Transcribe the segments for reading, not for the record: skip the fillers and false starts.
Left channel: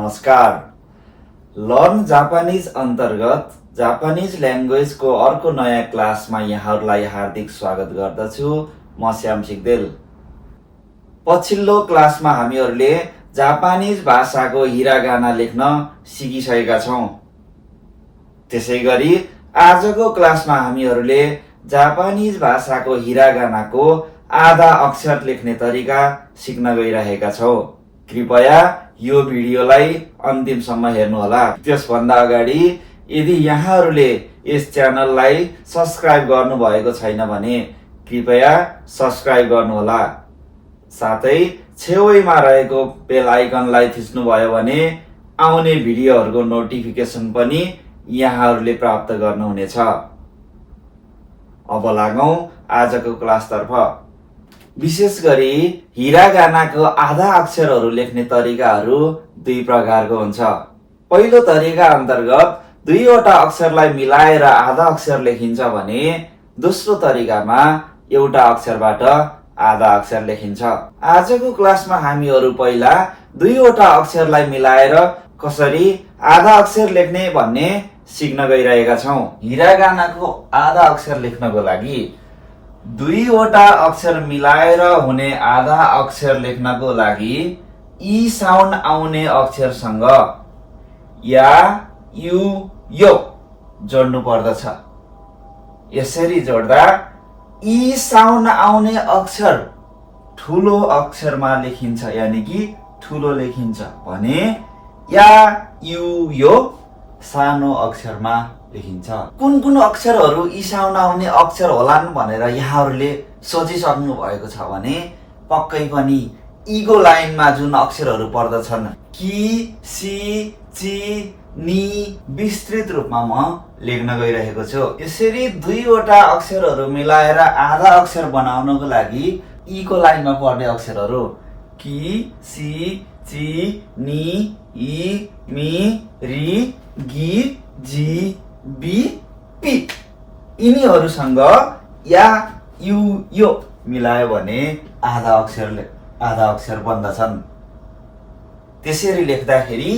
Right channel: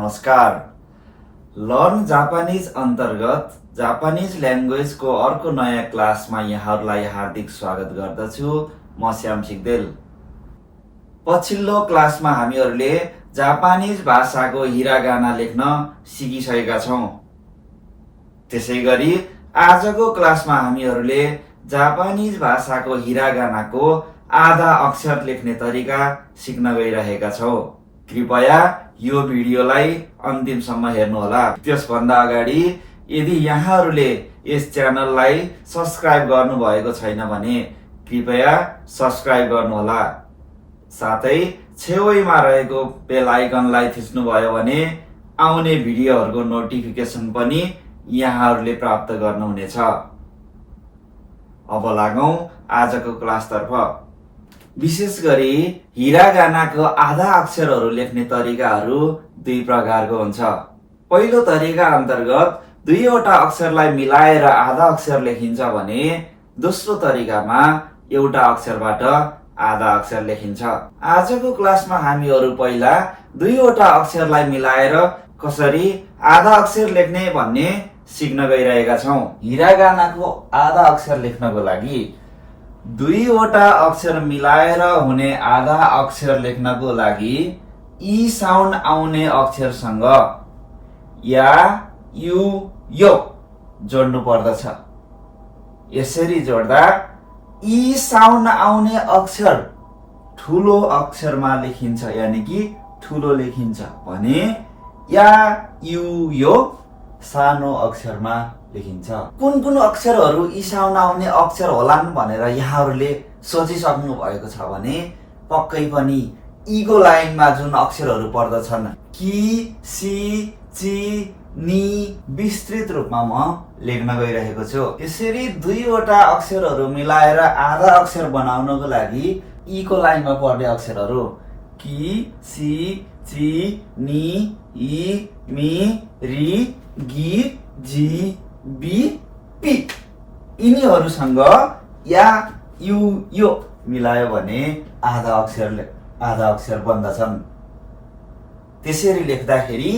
नमस्कार। Learn Japanese अन्तर्गत Japanese ल्याङ्ग्वेजको अर्को नयाँ क्लासमा यहाँहरूलाई हार्दिक स्वागत गर्दछु। म श्याम सिग्देल। पछिल्लो क्लासमा हामीहरूले जापानिज भाषाको हिरागाना लेख्न सिकिसकेका छौं। त्यसैगरी आजको क्लासमा हामीहरूले जापानिज भाषाको हिरागानाको आधा अक्षर लेख्ने तरिका सिक्न गइरहेका छौं। कृपया यो भिडियोलाई अन्तिमसम्म हेर्नुहोला। त्यसभन्दा अगाडि यदि यहाँहरूले यस च्यानललाई सब्स्क्राइब गर्नुभएको छैन भने कृपया सब्स्क्राइब गर्नुहोला। साथै छेउमा रहेको बेल आइकनलाई थिच्नुभयो भने आउने भिडियोहरूको नोटिफिकेसन पनि यहाँहरूले प्राप्त गर्नुहुनेछ। अब लागौं आजको क्लासतर्फ। विशेष गरी हिरागानाको आधा अक्षरहरू लेख्ने तरिकाहरू दुई प्रकारको हुन्छ। पहिलो तरिका अन्तर्गत दुईवटा अक्षरलाई मिलाएर आधा अक्षर लेखिन्छ भने दोस्रो तरिकामा एउटा अक्षरबाट आधा अक्षर लेखिन्छ। आजको क्लासमा हामीहरू पहिला दुईवटा अक्षरलाई मिलाएर कसरी आधा अक्षर लेख्ने भन्ने सिक्न गइरहेका छौं। हिरागानाको आधा अक्षर लेख्नको लागि दुईवटा अक्षर मिलाएर हुने आधा अक्षर लेख्नको लागि ई साउन्ड आउने अक्षरसँग या, यु, यो जोड्नु पर्दछ। यसरी जोड्दा ई साउन्ड आउने अक्षर ठुलो अक्षरमा लेखिन्छ, यानी कि ठुलो लेखिन्छ भने या, यु, यो सानो अक्षरमा लेखिन्छ। कुन कुन अक्षरहरू ई साउन्ड आउने अक्षर होलान् भनेर यहाँहरूले सोचिसक्नु भएको छ भने पक्कै पनि ईको लाइनमा जुन अक्षरहरू पर्दछन् कि, सी, ची, नी विस्तृत रूपमा म लेख्न गइरहेको छु। यसरी दुईवटा अक्षरहरू मिलाएर आधा अक्षर बनाउनको लागि ईको लाइनमा पर्ने अक्षरहरू कि, सी, ची, नी, ई, मी, री, गी, जी, बी, पी यिनीहरूसँग या, यु, यो मिलायो भने आधा अक्षर बन्दछन्। त्यसरी लेख्दाखेरि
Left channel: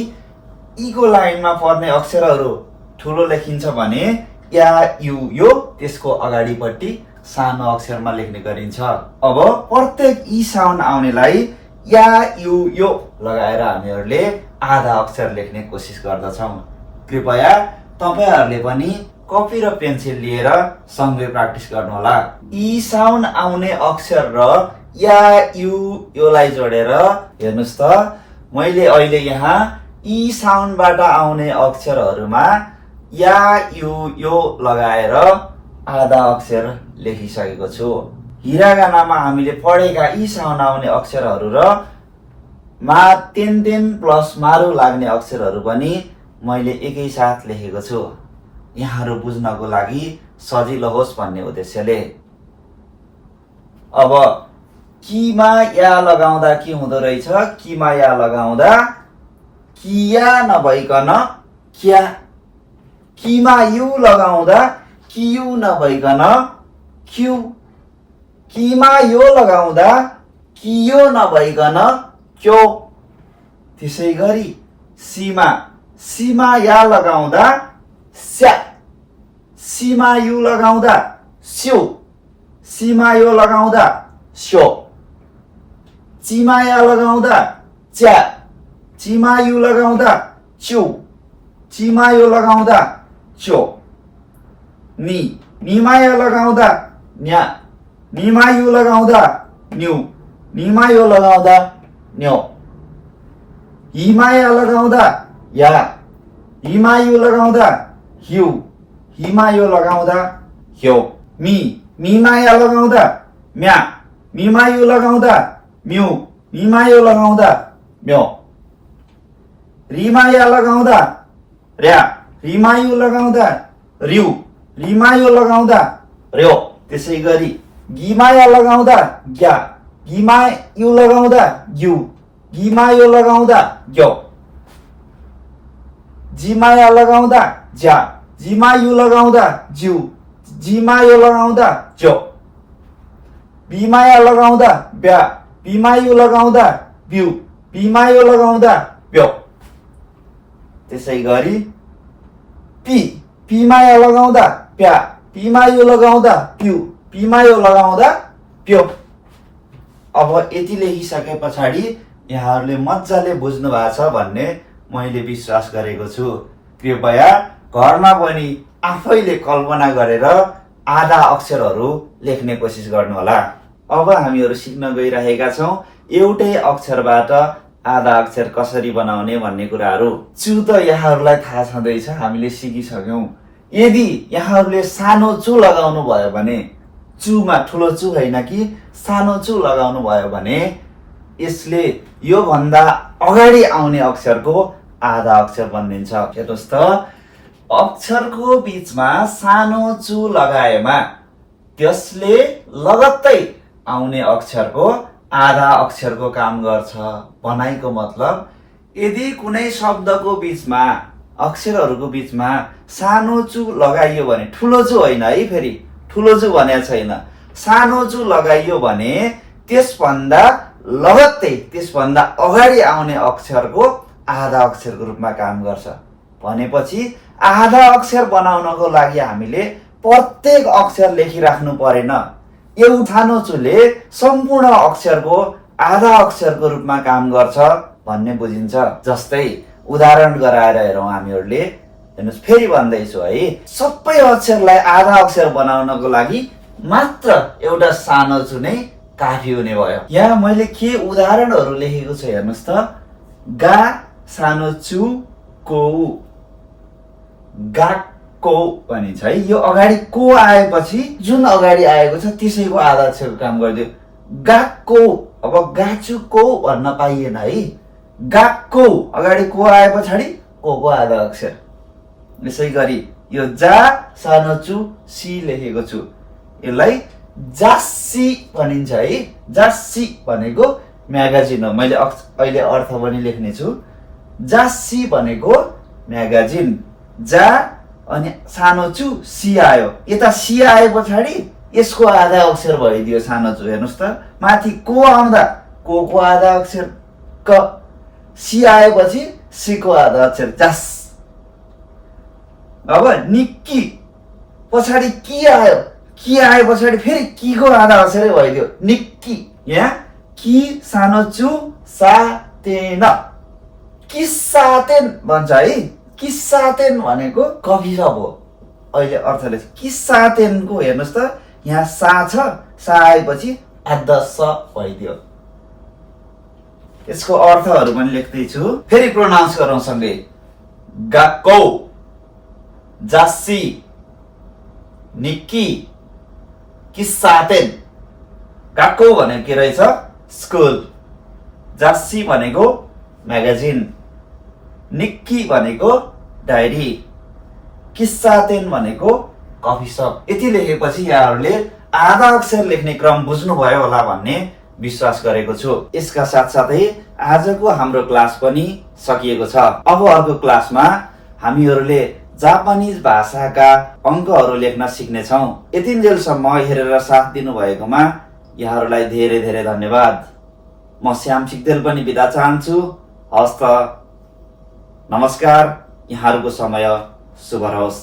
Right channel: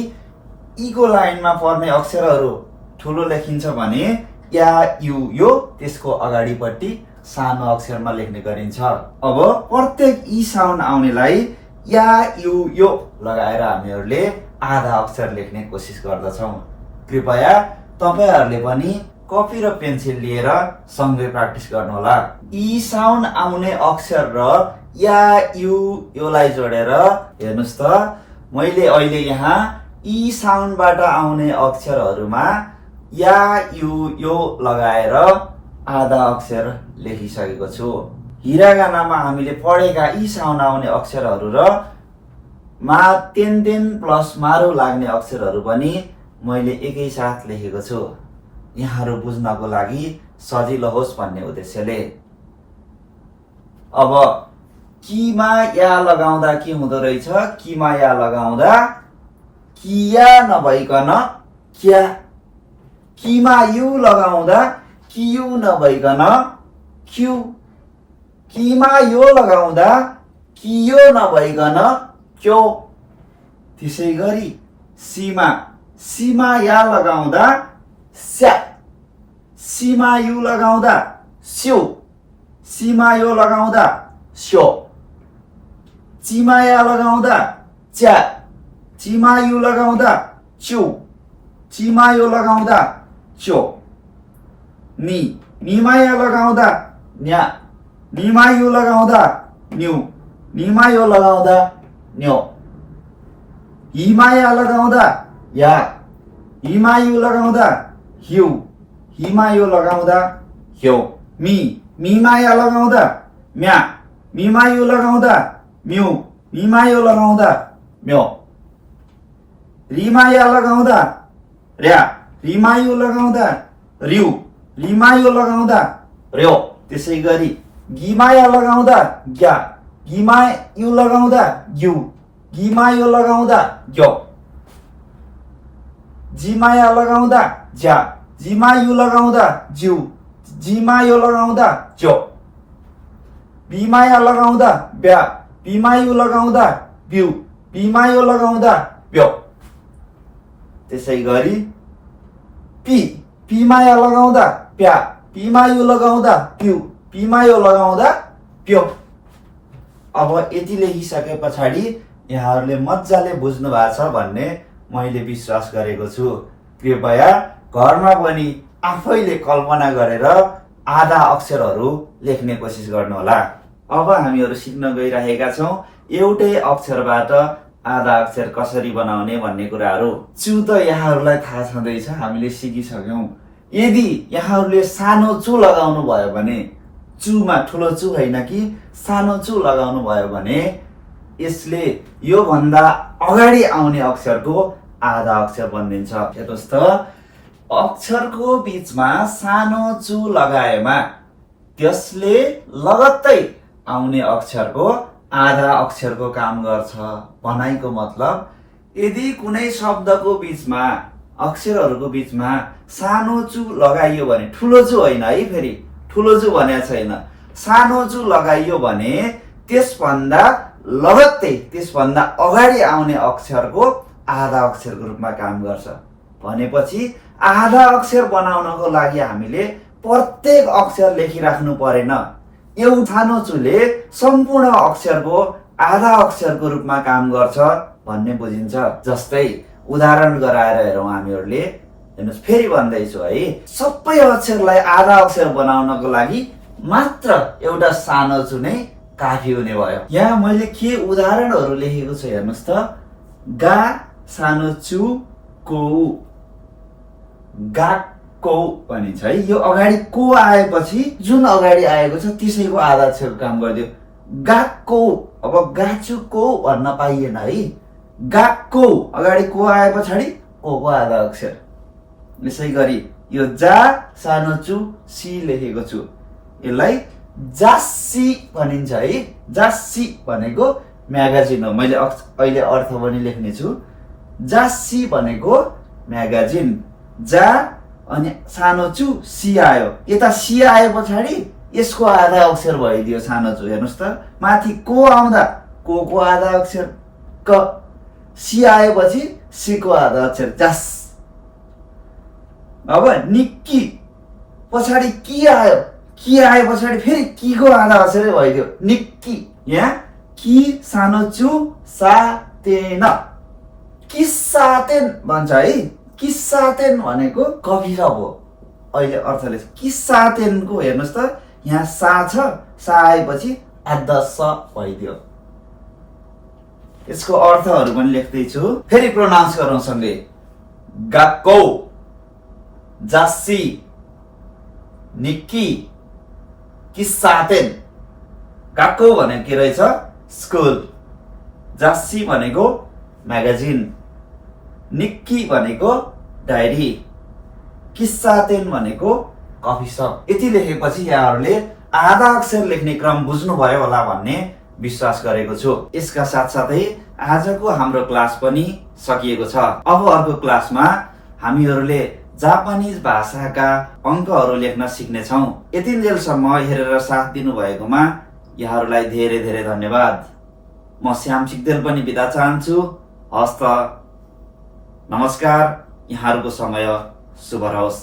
ईको लाइनमा पर्ने अक्षरहरू ठुलो लेखिन्छ भने या, यु, यो त्यसको अगाडिपट्टि सानो अक्षरमा लेख्ने गरिन्छ। अब प्रत्येक ई साउन्ड आउनेलाई या, यु, यो लगाएर हामीहरूले आधा अक्षर लेख्ने कोसिस गर्दछौं। कृपया तपाईहरूले पनि कपी र पेन्सिल लिएर सँगै प्र्याक्टिस गर्नुहोला। ई साउन्ड आउने अक्षर र या, यु, योलाई जोडेर हेर्नुस् त मैले अहिले यहाँ ई साउन्डबाट आउने अक्षरहरूमा या, यु, यो लगाएर आधा अक्षर लेखिसकेको छु। हिरागानामा हामीले पढेका ई साउन्ड आउने अक्षरहरू र मा तेन प्लस मारु लाग्ने अक्षरहरू पनि मैले एकैसाथ लेखेको छु, यहाँहरू बुझ्नको लागि सजिलो होस् भन्ने उद्देश्यले। अब किमा या लगाउँदा के हुँदो रहेछ? किमा या लगाउँदा किया नभइकन क्या, किमा यु लगाउँदा कियु नभइकन क्यु, किमा यो लगाउँदा कियो नभइकन क्यो। त्यसै गरी सीमा या लगाउँदा स्या, सीमा यु लगाउँदा स्यु, सीमा यो लगाउँदा स्यो। चिमा या लगाउँदा च्या, चिमा यु लगाउँदा च्यु, चिमा यो लगाउँदा च्यो। नीमा या लगाउँदा न्या, नीमा यु लगाउँदा न्यु, नीमा यो लगाउँदा न्यो। हिमाया लगाउँदा या, हिमायु लगाउँदा ह्यु, हिमायो लगाउँदा ह्यो। मिमाया लगाउँदा म्या, मिमायु लगाउँदा म्यु, मिमायो लगाउँदा म्यो। रिमाया लगाउँदा र्या, रिमायु लगाउँदा र्यु, रिमायो लगाउँदा र्यो। त्यसै गरी गिमाया लगाउँदा ग्या, गिमायु लगाउँदा ग्यु, गिमायो लगाउँदा ग्यो। जिमाया लगाउँदा ज्या, जिमायु लगाउँदा ज्यू, जिमायो लगाउँदा ज्यो। बिमाया लगाउँदा ब्या, बिमायु लगाउँदा ब्यू, बिमायो लगाउँदा ब्यो। त्यसै गरी पी, पीमा या लगाउँदा प्या, पीमा यो लगाउँदा प्यु, पीमा यो लगाउँदा प्यो। अब यति लेखिसके पछाडि यहाँहरूले मजाले बुझ्नु भएको छ भन्ने मैले विश्वास गरेको छु। कृपया घरमा पनि आफैले कल्पना गरेर आधा अक्षरहरू लेख्ने कोसिस गर्नुहोला। अब हामीहरू सिक्न गइरहेका छौँ एउटै अक्षरबाट आधा अक्षर कसरी बनाउने भन्ने कुराहरू। चु त यहाँहरूलाई थाहा छँदैछ, हामीले सिकिसक्यौँ। यदि यहाँहरूले सानो चु लगाउनु भयो भने, चुमा ठुलो चु होइन कि सानो चु लगाउनु भयो भने यसले योभन्दा अगाडि आउने अक्षरको आधा अक्षर बनिन्छ। हेर्नुहोस् त, अक्षरको बिचमा सानो चु लगाएमा त्यसले लगत्तै आउने अक्षरको आधा अक्षरको काम गर्छ। भनाइको मतलब यदि कुनै शब्दको बिचमा अक्षरहरूको बिचमा सानो चु लगाइयो भने, ठुलो चु होइन है, फेरि ठुलो चु भनेको छैन, सानो चु लगाइयो भने त्यसभन्दा लगत्तै त्यसभन्दा अगाडि आउने अक्षरको आधा अक्षरको रूपमा काम गर्छ। भनेपछि आधा अक्षर बनाउनको लागि हामीले प्रत्येक अक्षर लेखिराख्नु परेन। एउटानो चुले सम्पूर्ण अक्षरको आधा अक्षरको रूपमा काम गर्छ भन्ने बुझिन्छ। जस्तै उदाहरण गराएर हेरौँ हामीहरूले। हेर्नुहोस्, फेरि भन्दैछु है, सबै अक्षरलाई आधा अक्षर बनाउनको लागि मात्र एउटा सानो चु नै काफी हुने भयो। यहाँ मैले के उदाहरणहरू लेखेको छु हेर्नुहोस् त। गा सानो चु को, गाको भनिन्छ है। यो अगाडि को आएपछि जुन अगाडि आएको छ त्यसैको आधा अक्षरको काम गरिदियो। गाको, अब गाचुको भन्न पाइएन है। गाको अगाडि को आए पछाडि को आधा अक्षर। यसै गरी यो जा सानो चु सी लेखेको छु, यसलाई जासी भनिन्छ है। जासी भनेको म्यागाजिन हो। मैले अहिले अर्थ पनि लेख्ने छु। जासी भनेको म्यागाजिन। जा अनि सानो चु सी आयो, यता सी आए पछाडि यसको आधा अक्षर भइदियो सानो चु। हेर्नुहोस् त, माथि को आउँदा को आधा अक्षर क, सी आएपछि सी को आधा अक्षर जास। अब निक्की पछाडि कि आयो, कि आए पछाडि फेरि कि को आधा अक्षरै भइदियो निक्की। यहाँ कि सानो चु सातेन, किस्सातेन भन्छ है। किस्सातेन भनेको कफी कप हो। अहिले अर्थ लेख्छ किस्सातेनको। हेर्नुहोस् त, यहाँ सा छ, सा आएपछि आधा स भइदियो। यसको अर्थहरू पनि लेख्दैछु, फेरि प्रोनाउन्स गरौँ सँगै। गाको, जासी, निक्की, किस्सातेन। गाको भनेको के रहेछ? स्कुल। जासी भनेको म्यागाजिन। निक्की भनेको डायरी। किस्सातेन भनेको कफी सप। यति लेखेपछि यहाँहरूले आधा अक्षर लेख्ने क्रम बुझ्नुभयो होला भन्ने विश्वास गरेको छु। यसका साथसाथै आजको हाम्रो क्लास पनि सकिएको छ। अब अर्को क्लासमा हामीहरूले जापानिज भाषाका अङ्कहरू लेख्न सिक्नेछौँ। यतिन्जेलसम्म हेरेर साथ दिनुभएकोमा यहाँहरूलाई धेरै धेरै धन्यवाद। म श्याम सिक्देल पनि बिदा चाहन्छु। हस्त, नमस्कार। यहाँहरूको समय शुभ रहोस्।